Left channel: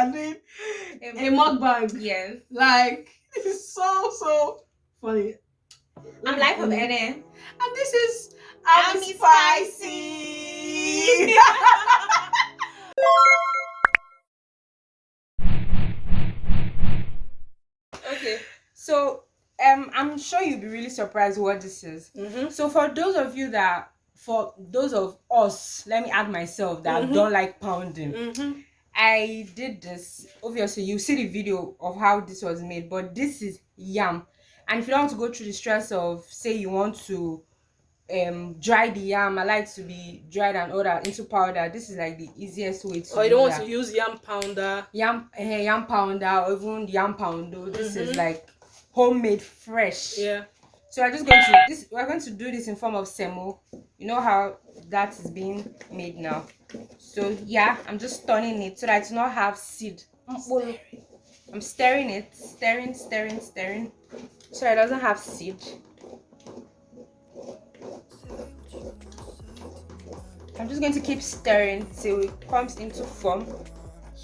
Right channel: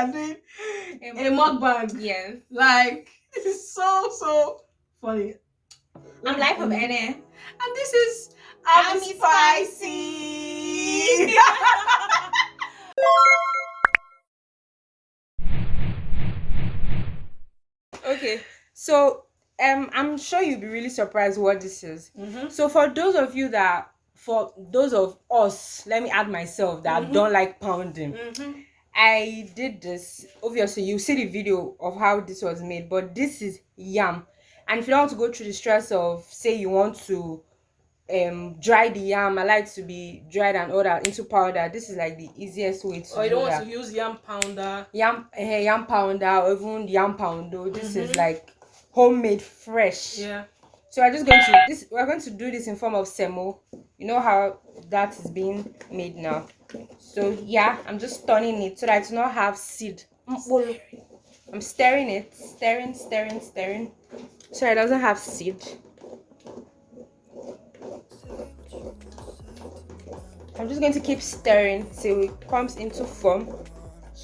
are doing a mukbang. Yes. Like, this is so funny. I'm Life of Ene. And this is Amyspicy. Okay, so I'm sure you'll be really surprised what this is. So for those of us, let me add myself that don't like pounding. I did this. Obviously, you see the video of how this was made, but this is yam. And if you don't want to go through the stress of, say, you want to dry the yam, I like to be dried and all that into powder. This is like the easiest way to. Or you don't want to use yam pounder. Yam pounder, or even yam poundo. This is like homemade, fresh. Yeah. So we're going to do this in form of semo. You know how that is being made now. So yeah, I'm just turning it so that I do not have seed. I'm stirring it, stirring, so it doesn't have seed. I'm just going to keep stirring till it comes into form.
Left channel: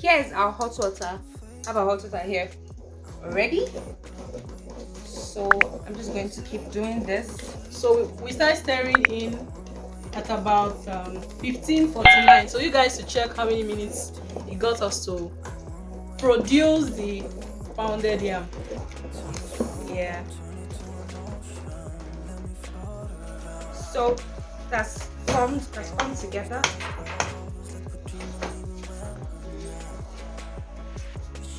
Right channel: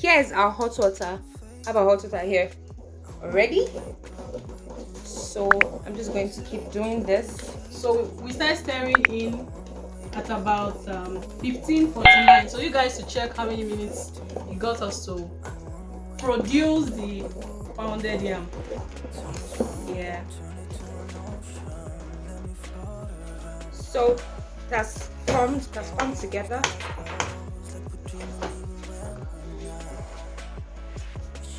Here is our hot water. I have a hot water here. Ready? So I'm just going to keep doing this. So we start stirring in at about 15:49. So you guys to check how many minutes it got us to produce the pounded yam. Yeah. So that's come together.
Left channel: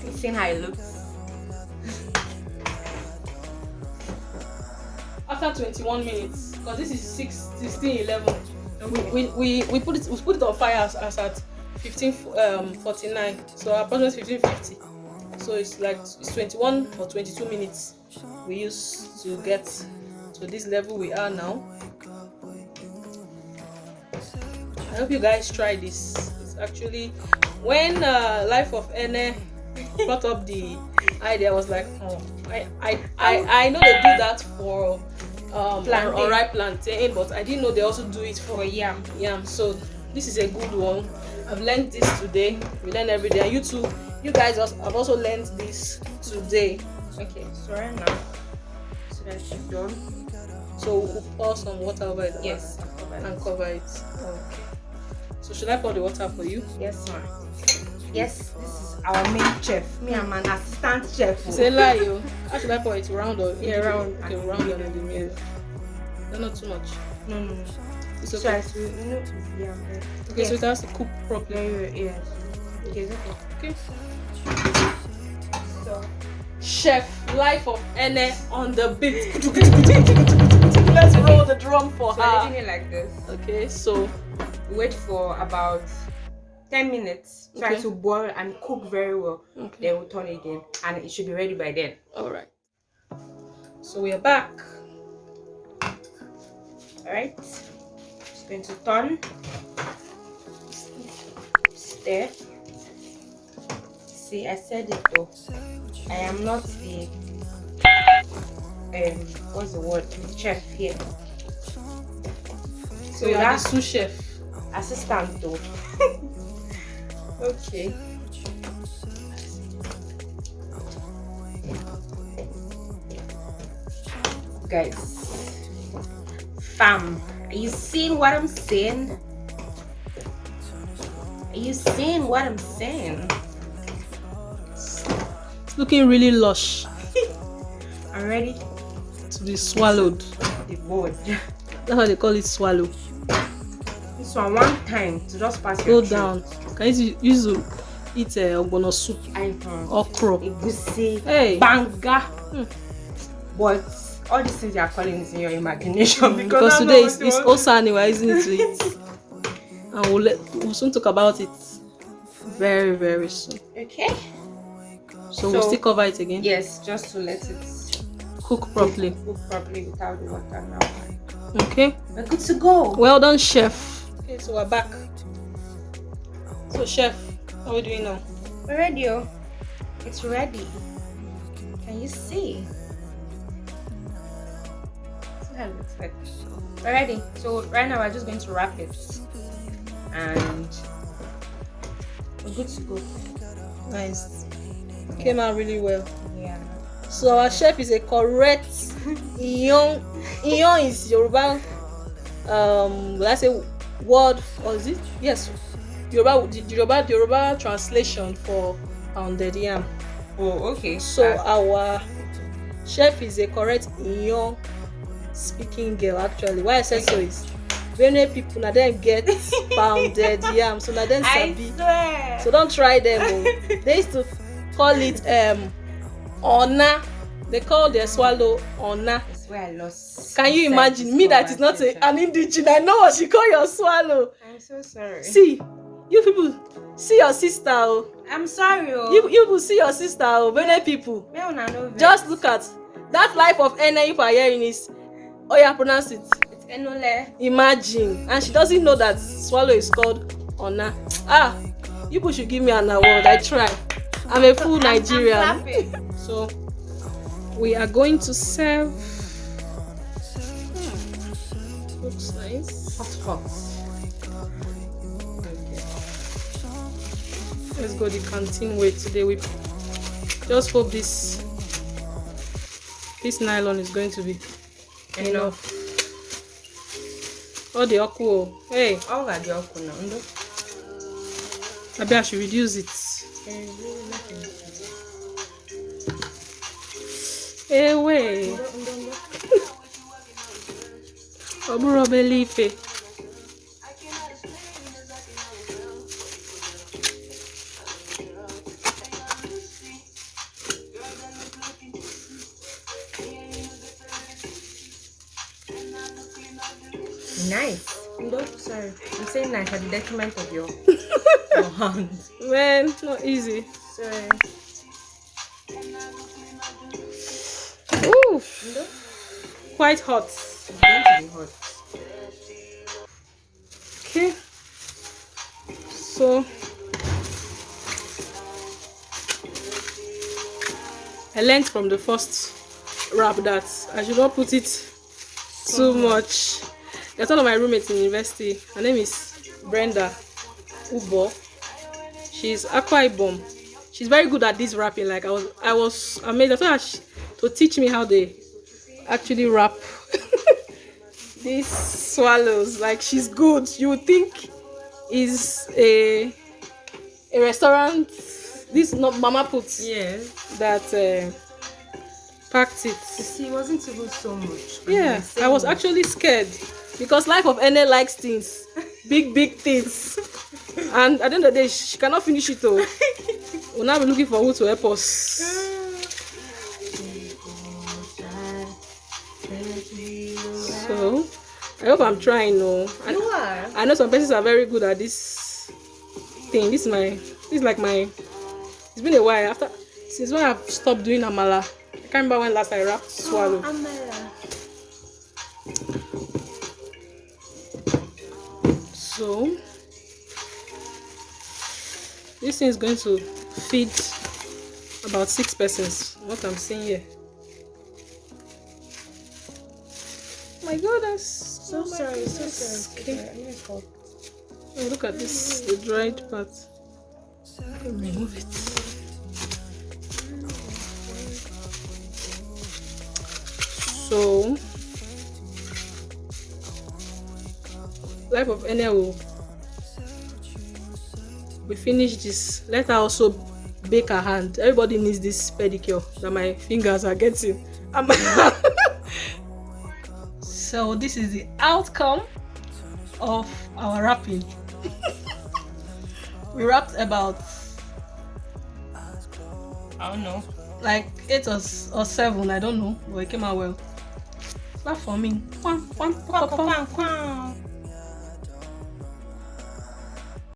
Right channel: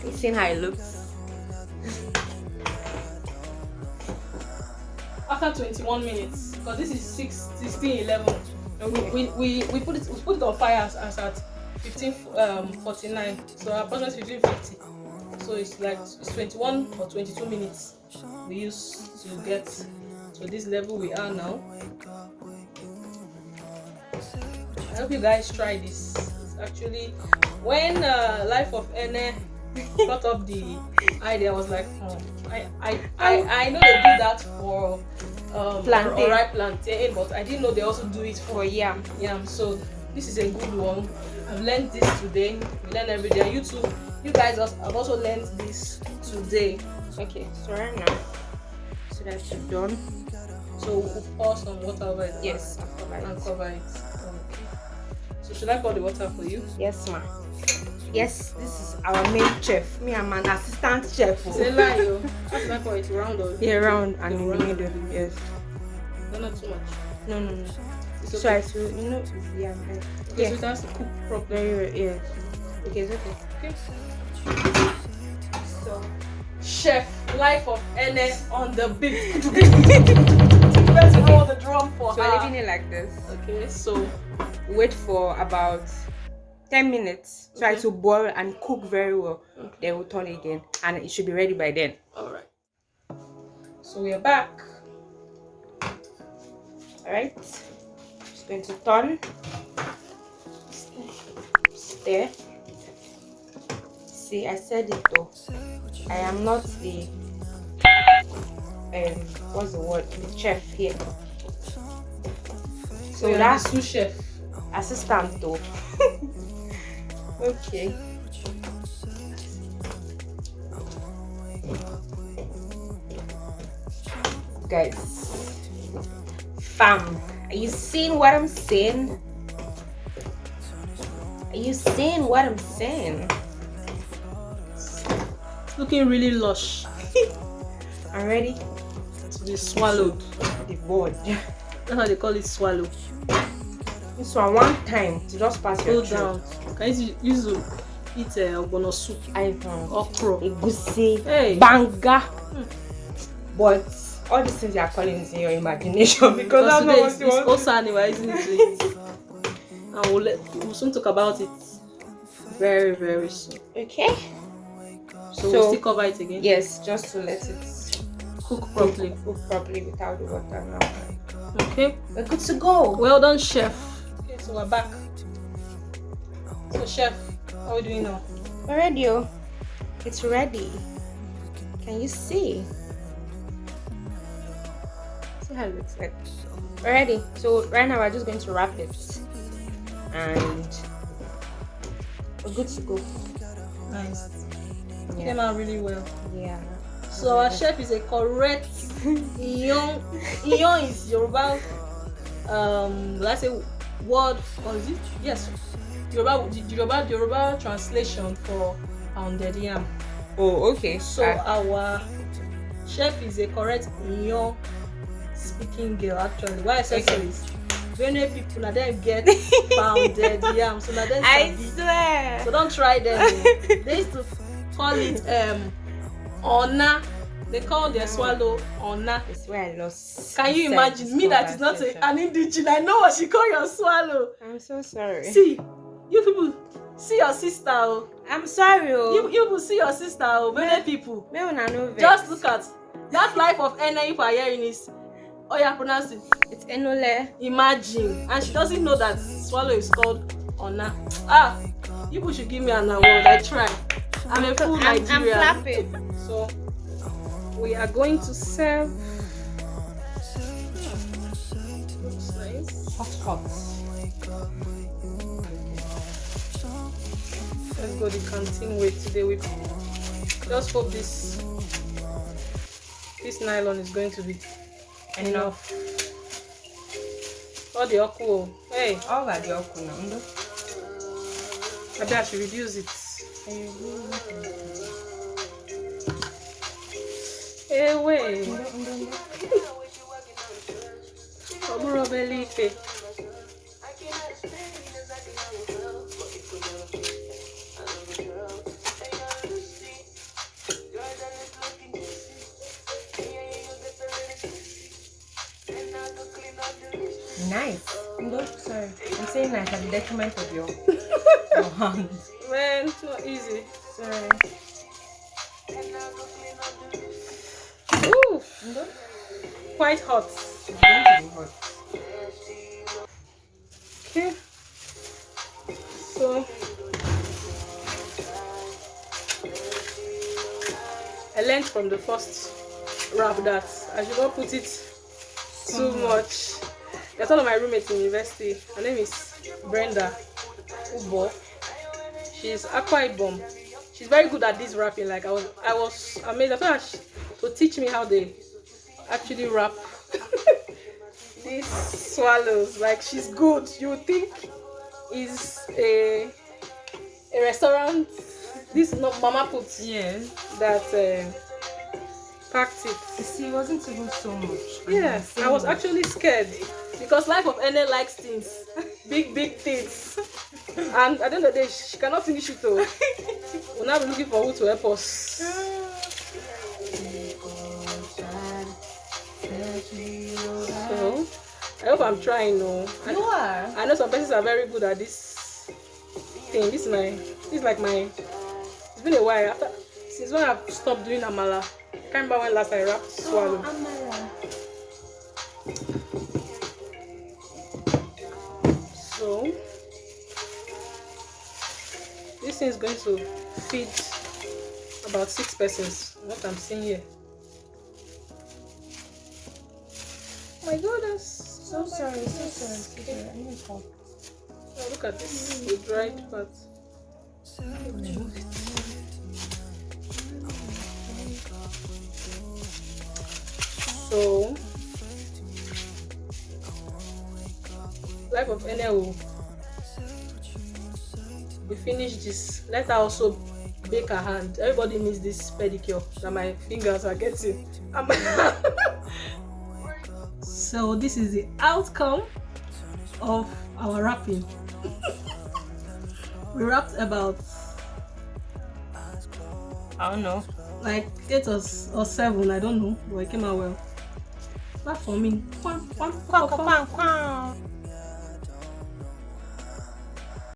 You've seen how it looks. After 21 minutes, because this is 16, 11, we put it on fire as at 15:49. So approximately 15:50. So it's 21 or 22 minutes we used to get to this level we are now. I hope you guys try this. It's actually when Life of Ene brought up the idea, I was like, oh, I know they do that for ripe plantain, but I didn't know they also do it for yam. So this is a good one. I've learned this today. We learn every day. You guys have also learned this today. Okay, so right now, so that's done. So we'll pour some water over it. Yes, and cover it. Okay. So should I pour the water for you? Yes, ma'am. Yes, this is our main chef. Me, I'm an assistant chef. Say lie, how should I pour it? Round or? Yeah, round and round. Yes. No, not too much. No. It's okay. So it has to cook properly. Yeah. Okay, okay. Okay. So, Chef Life of Ene on the beat. Let's roll the drum for her. So leaving it like this. Okay, so wait for about 10 minutes. Try to boil and cook very well. Then we'll turn it again, and it should be ready by then. All right. So we are back. All right. Just going to turn. Stir. See, I said it though. I am not the what's the word? The chef here. So that's the sous chef. Assistant though. Okay. Guys, fam, are you seeing what I'm saying? Are you seeing what I'm saying? It's looking really lush. I'm ready to be swallowed. The board. That's how they call it, swallow. This one time to just pass your down. Can you use to eat ogbono soup? Okra. Egusi. Hey. Banga. But all these things you are calling is in your imagination because today is Osani, we're using it to eat. And we'll soon talk about it very, very soon. Okay. So we'll still cover it again? Yes, just to let it cook properly. Cook properly without the water now. Okay. We're good to go. Well done, chef. Okay, so we're back. So, chef, what are we doing now? We're ready. It's ready. Can you see? See how it looks like. We're ready. So right now we're just going to wrap it, and we're good to go. Nice. Came out really well. Yeah. So our chef is a correct Iyon. Iyon is Yoruba. Let's say word, or is it? Yes. Yoruba translation for pounded yam. Oh, okay. So our chef is a correct Iyon speaking girl. Actually, why I said so is Benue people na them get pounded yam, so na them I sabi. swear. So don't try them. They used to call it ona. They call their swallow ona. That's where I lost. Can you imagine me that is not an indigenous? I know what she call your swallow. I'm so sorry. See, you people see your sister. Oh. I'm sorry. Oh. You people see your sister. Oh, Benue people. Just look at that life of Ene. If I hearing is, oh yeah, pronounce it. It's Enole. Imagine, and she doesn't know that swallow is called ona. Ah, you people should give me an award. I try. I'm a full Nigerian. I'm clapping. So we are going to serve. Looks nice. Hot. Let's go the canteen way today. We just hope this nylon is going to be enough. All the okwo. Hey. All of the okwo now. Maybe I should reduce it. Hey, wait. Oburo believe. Nice. No, sorry. I'm saying nice at the detriment of your hand. Man, it's not easy. Sorry. Ooh. Quite hot. It's going to be hot. Okay. So I learned from the first wrap that I should not put it too much. There's one of my roommates in university. Her name is Brenda Ubo. She's Akwa Ibom. She's very good at this wrapping. Like I was amazed. I told her to teach me how they actually wrap these swallows. Like she's good. You would think is a restaurant. This not Mama Put. Yeah. That packed it. You see, it wasn't even so much. Yeah, I was actually scared because life of Ene likes things, big things, and at the end of the day, she cannot finish it all. We'll now be looking for who to help us. So, I hope I'm trying. No, You are. I know some persons are very good at this thing. This is like my. It's been a while since when I've stopped doing amala. I can't remember when last I wrapped swallow. So this thing is going to feed about 6 persons. What I'm seeing here. Oh my God, that's So sorry. okay. Oh, look at this, the dried part. Remove it. So, life of Ene will we finish this. Let her also bake her hand. Everybody needs this pedicure that my fingers are getting. So this is the outcome of our wrapping. We wrapped about, I don't know. like 8 or 7, I don't know, but it came out well. Not for me.